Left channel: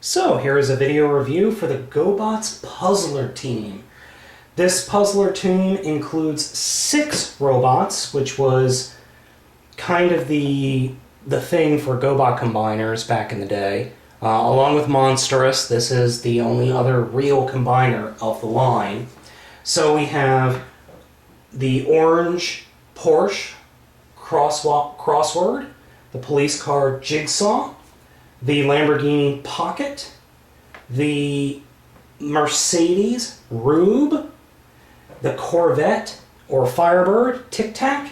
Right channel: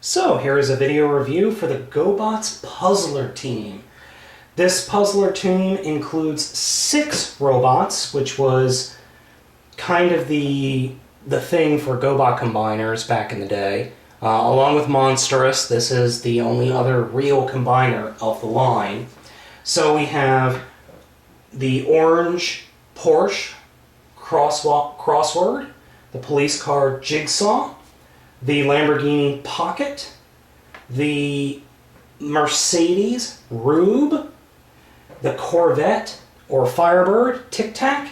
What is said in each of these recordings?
So here is a video review for the GoBots Puzzler team. This Puzzler team includes 6 robots, which was kind of the thing for GoBot combiners back in the day. Along with Monstrous, this is the only other real combiner of the line. So we have the orange Porsche Crossword, the police car Jigsaw, the Lamborghini Pocket, the Mercedes Rube, the Corvette or Firebird Tic Tac,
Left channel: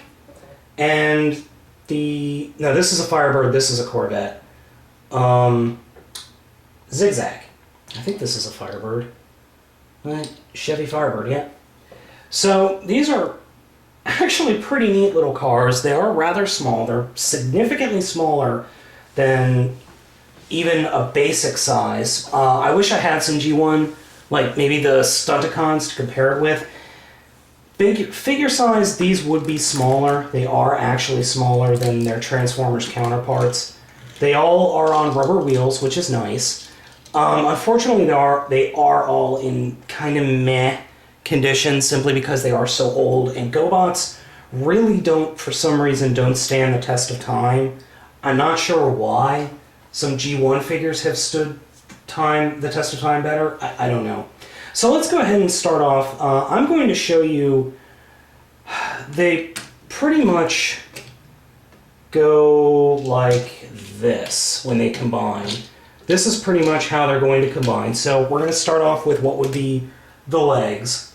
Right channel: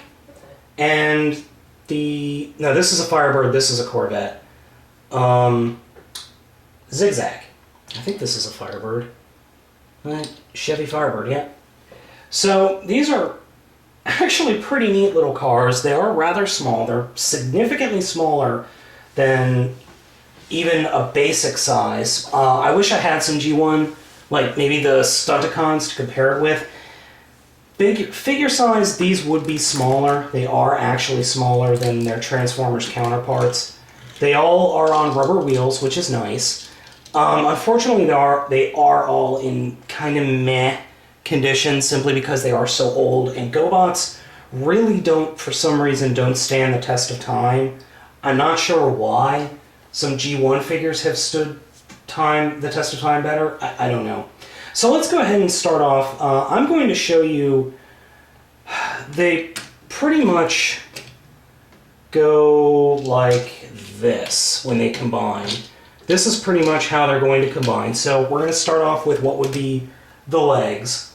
and this is a Firebird, this is a Corvette, Zigzag. I think this is a Firebird. Chevy Firebird, yeah. So these are actually pretty neat little cars. They are rather small. They're significantly smaller than even a basic size. I wish I had some G1, like maybe the Stunticons to compare it with. Big figure size, these would be smaller. They are actually smaller than their Transformers counterparts. They all are on rubber wheels, which is nice. Unfortunately, they are all in kind of meh condition simply because they are so old, and GoBots really for some reason, don't stand the test of time. I'm not sure why. Some G1 figures have stood the test of time better. I don't know. So let's go ahead and start off. I'm going to show you, they pretty much go like this when they combine. This is pretty much how they're going to combine. So we're going to start off with what would be the legs,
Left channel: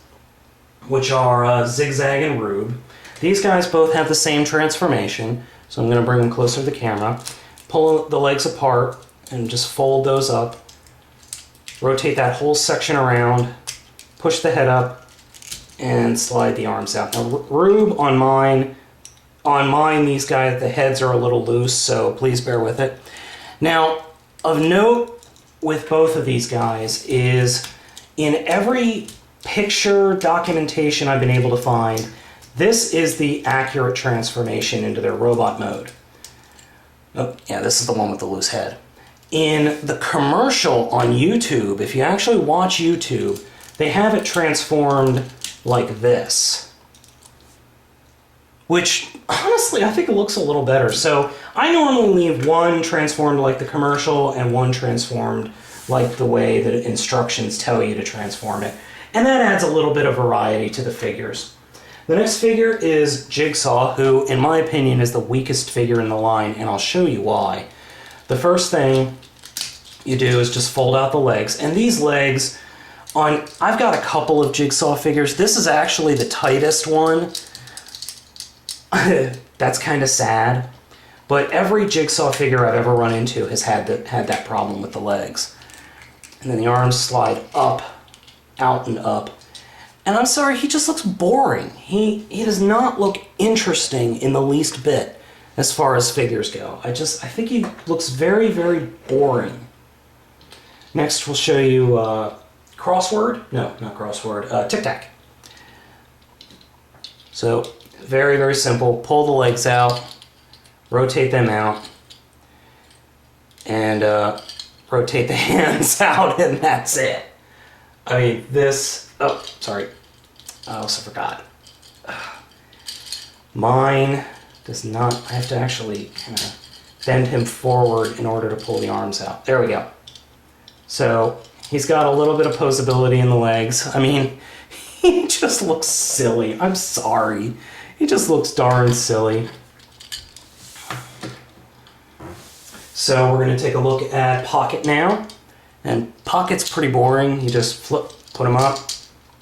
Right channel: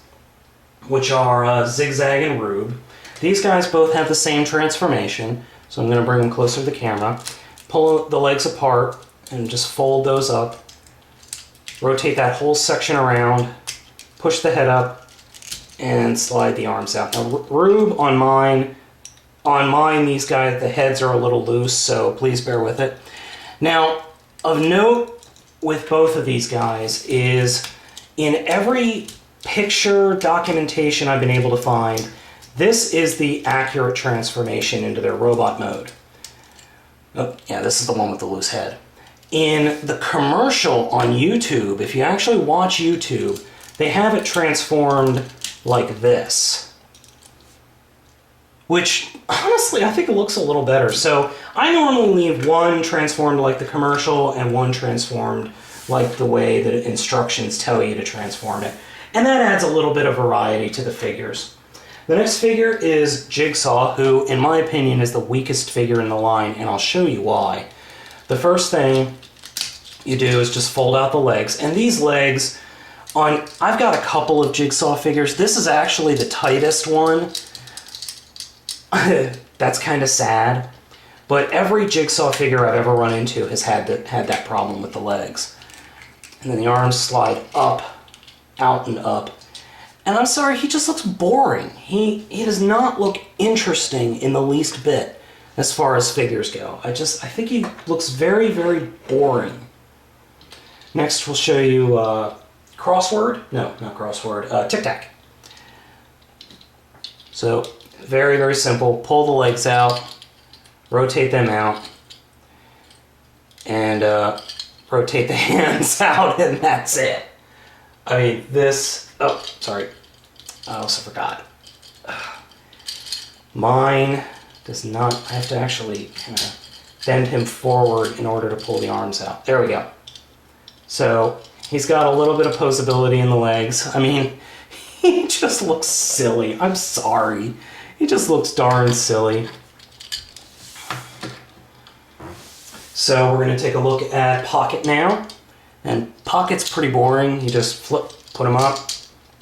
which are Zigzag and Rube. These guys both have the same transformation, so I'm going to bring them closer to the camera. Pull the legs apart and just fold those up. Rotate that whole section around, push the head up, and slide the arms out. Now, Rube, on mine, these guys, the heads are a little loose, so please bear with it. Now, of note with both of these guys is in every picture documentation I've been able to find, this is the accurate transformation into their robot mode. Oh, yeah, this is the one with the loose head. In the commercial on YouTube, if you actually watch YouTube, they have it transformed like this. Which, honestly, I think it looks a little better. So I normally leave one transformed like the commercial and one transformed like the way the instructions tell you to transform it. And that adds a little bit of variety to the figures. The next figure is Jigsaw, who, in my opinion, is the weakest figure in the line, and I'll show you why. The first thing you do is just fold out the legs, and these legs, I've got a couple of Jigsaw figures. This is actually the tightest one. That's kind of sad, but every Jigsaw figure I've ever run into has had that problem with the legs. And then the arms slide up, out and up. And I'm sorry, he just looks boring. He does not look interesting in the least bit as far as figures go. I think he looks very, very boring. Next, we'll show you Crossword. No, not Crossword. Tic Tac. So, very, very simple. Pull the legs out, rotate them out, and rotate the hands out, and that's it. I mean, oh, sorry. I also forgot. Mine does not, I have to actually kind of bend him forward in order to pull the arms out. There we go. So, he's got a little bit of posability in the legs. I mean, he just looks silly. I'm sorry. He just looks darn silly. So, we're going to take a look at Pocket now. And Pocket's pretty boring. You just put him up,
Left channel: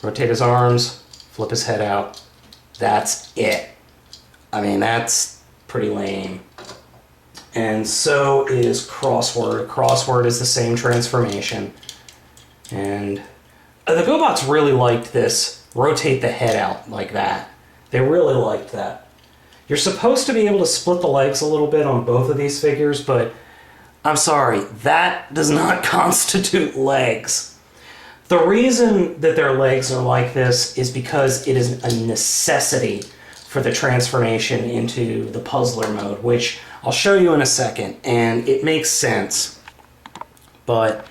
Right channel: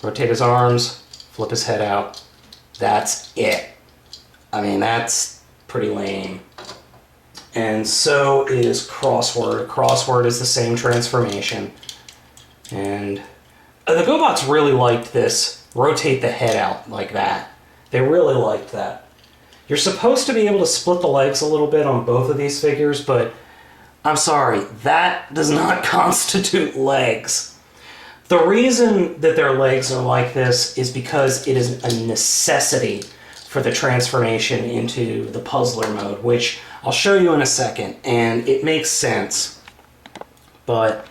rotate his arms, flip his head out. That's it. I mean, that's pretty lame. And so is Crossword. Crossword is the same transformation. And the GoBots really liked this. Rotate the head out like that. They really liked that. You're supposed to be able to split the legs a little bit on both of these figures, but I'm sorry, that does not constitute legs. The reason that their legs are like this is because it is a necessity for the transformation into the puzzler mode, which I'll show you in a second, and it makes sense. But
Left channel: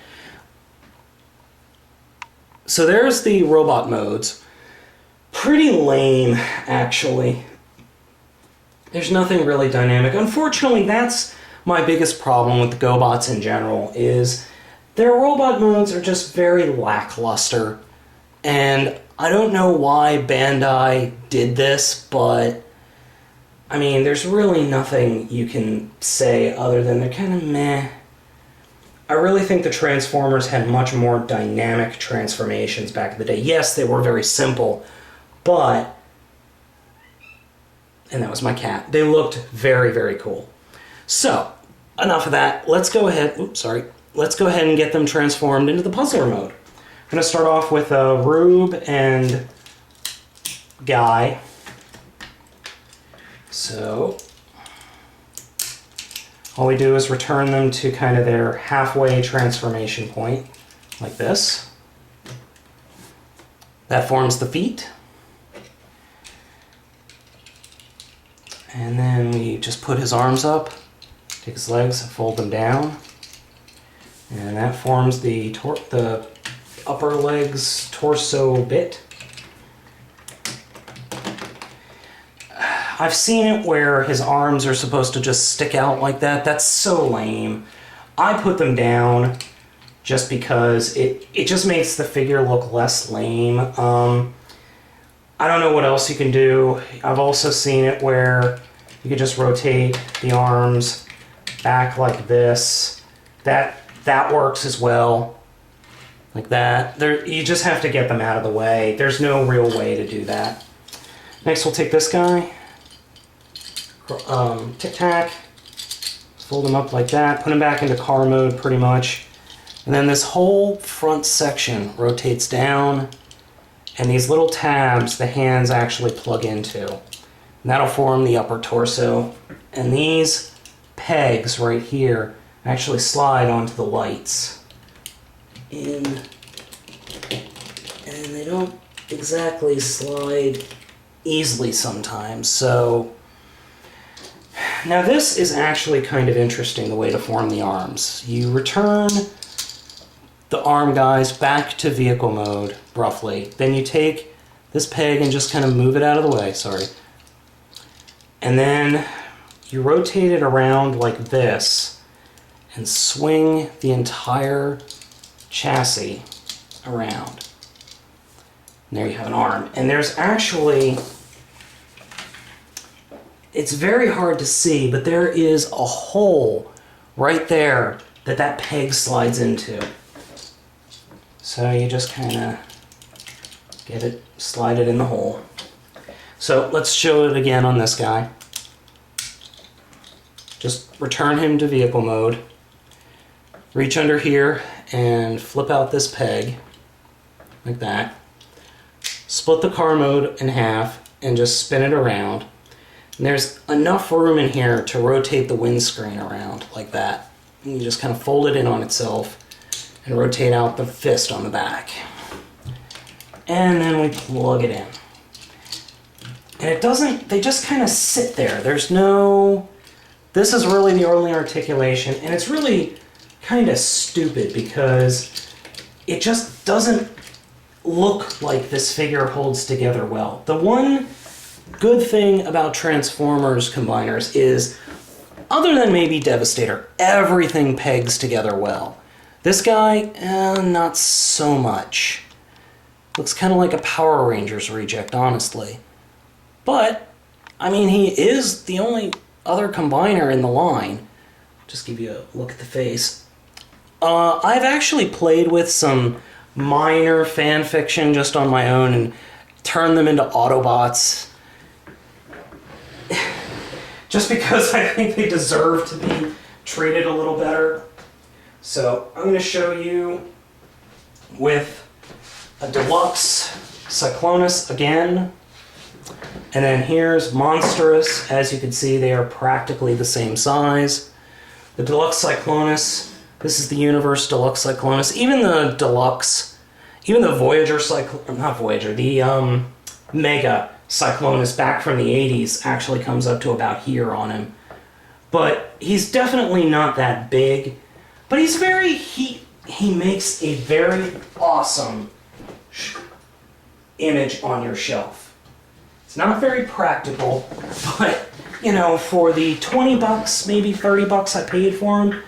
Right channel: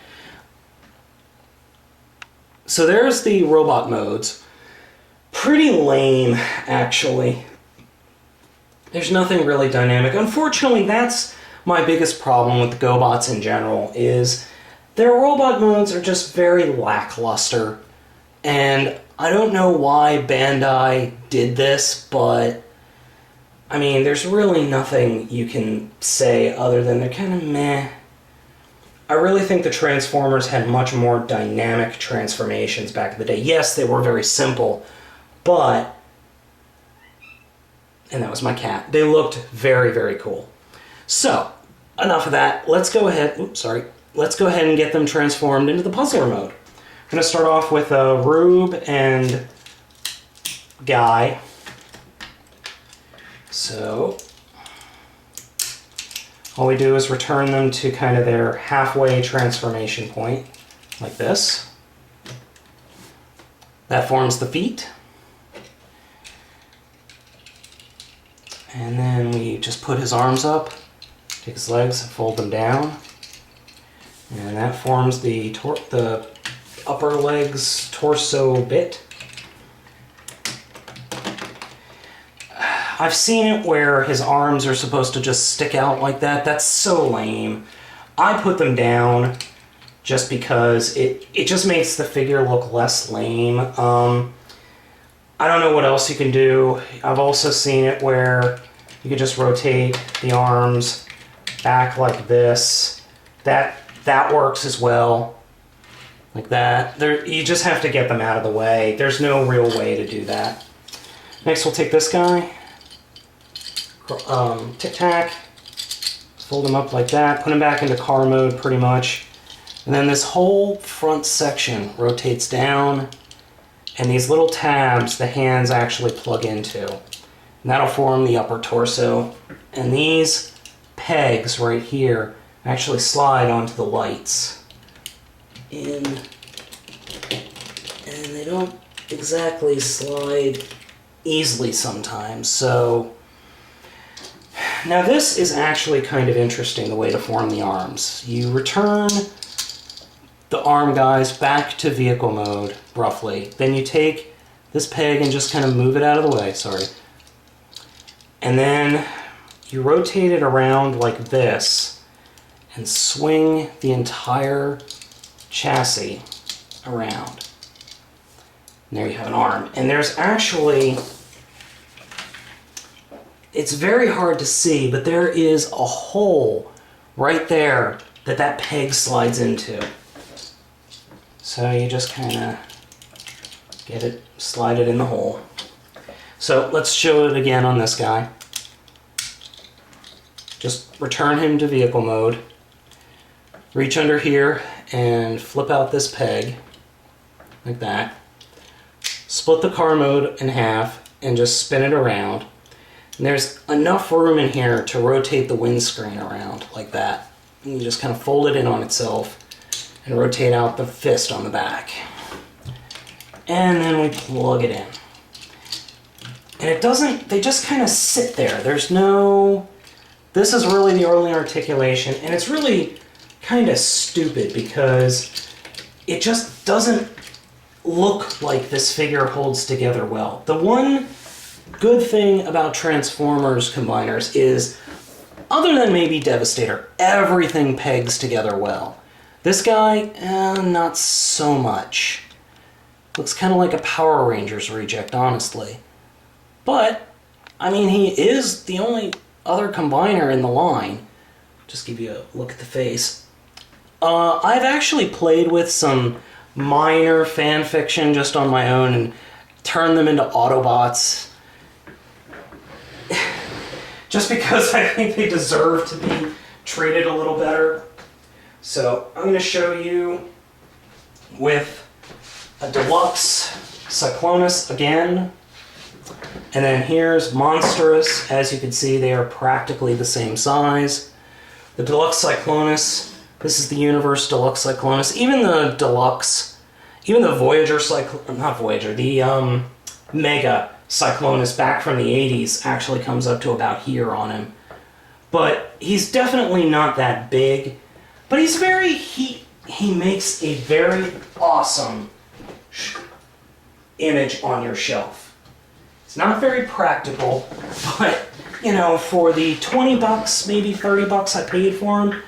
So there's the robot modes. Pretty lame, actually. There's nothing really dynamic. Unfortunately, that's my biggest problem with the GoBots in general, is their robot modes are just very lackluster. And I don't know why Bandai did this, but I mean, there's really nothing you can say other than they're kind of meh. I really think the Transformers had much more dynamic transformations back in the day. Yes, they were very simple, but... And that was my cat. They looked very, very cool. So, enough of that. Let's go ahead... Oops, sorry. Let's go ahead and get them transformed into the puzzler mode. I'm going to start off with Rube and Guy. So... all we do is return them to kind of their halfway transformation point, like this. That forms the feet. And then we just put his arms up, take his legs, fold them down. And that forms the upper legs torso bit. I've seen it where his arms are supposed to just stick out like that. That's so lame. I put them down just because it just makes the figure look less lame. I don't know what else you can do. I've also seen it where you could just rotate the arms back like this. That works as well. Like that. You just have to get them out of the way. There's no real way to do that. Next we'll take this guy. Tic-tac, fold them up like that, put them back into car mode pretty much, and then this whole front section rotates down, and these little tabs the hands actually plug into, and that'll form the upper torso, and these pegs right here actually slide onto the lights in, and they don't exactly slide easily sometimes, so now this is actually kind of interesting, the way to form the arms. You return the arm guys back to vehicle mode, roughly. Then you take this peg and just kind of move it out of the way, sorry. And then you rotate it around like this and swing the entire chassis around. And there you have an arm. And there's actually... it's very hard to see, but there is a hole right there that peg slides into. So you just kind of slide it in the hole. So let's show it again on this guy. Just return him to vehicle mode. Reach under here and flip out this peg, like that. Split the car mode in half and just spin it around. And there's enough room in here to rotate the windscreen around like that. And you just kind of fold it in on itself and rotate out the fist on the back. And then we plug it in. And it doesn't, they just kind of sit there. There's no, this is really the only articulation, and it's really kind of stupid because it just doesn't look like this figure holds together well. The one good thing about Transformers combiners is, other than maybe Devastator, everything pegs together well. This guy, not so much. Looks kind of like a Power Rangers reject, honestly. But, I mean, he is the only other combiner in the line. Just give you a look at the face. I've actually played with some minor fan fiction just on my own and turned them into Autobots. Just because I think they deserve to be treated a little better. So I'm going to show you with a deluxe Cyclonus again. And then here's Monstrous. As you can see, they are practically the same size. The deluxe Cyclonus, this is the Universe Deluxe Cyclonus. Even the deluxe, even the Voyager Cyclonus, not Voyager, the Mega Cyclonus back from the 80s actually comes up to about here on him. But he's definitely not that big. But he's very, he makes a very awesome image on your shelf. It's not very practical, but you know, for the 20 bucks, maybe 30 bucks I paid for them,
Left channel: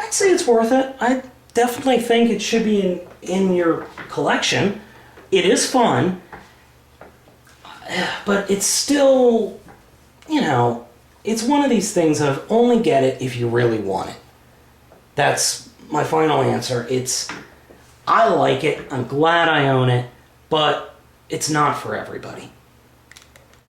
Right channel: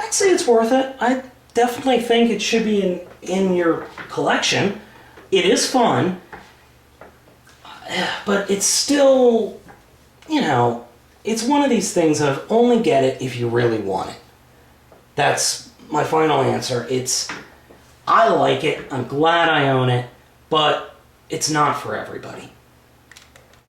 I'd say it's worth it. I definitely think it should be in your collection. It is fun, but it's still, you know, it's one of these things of only get it if you really want it. That's my final answer. I like it, I'm glad I own it, but it's not for everybody.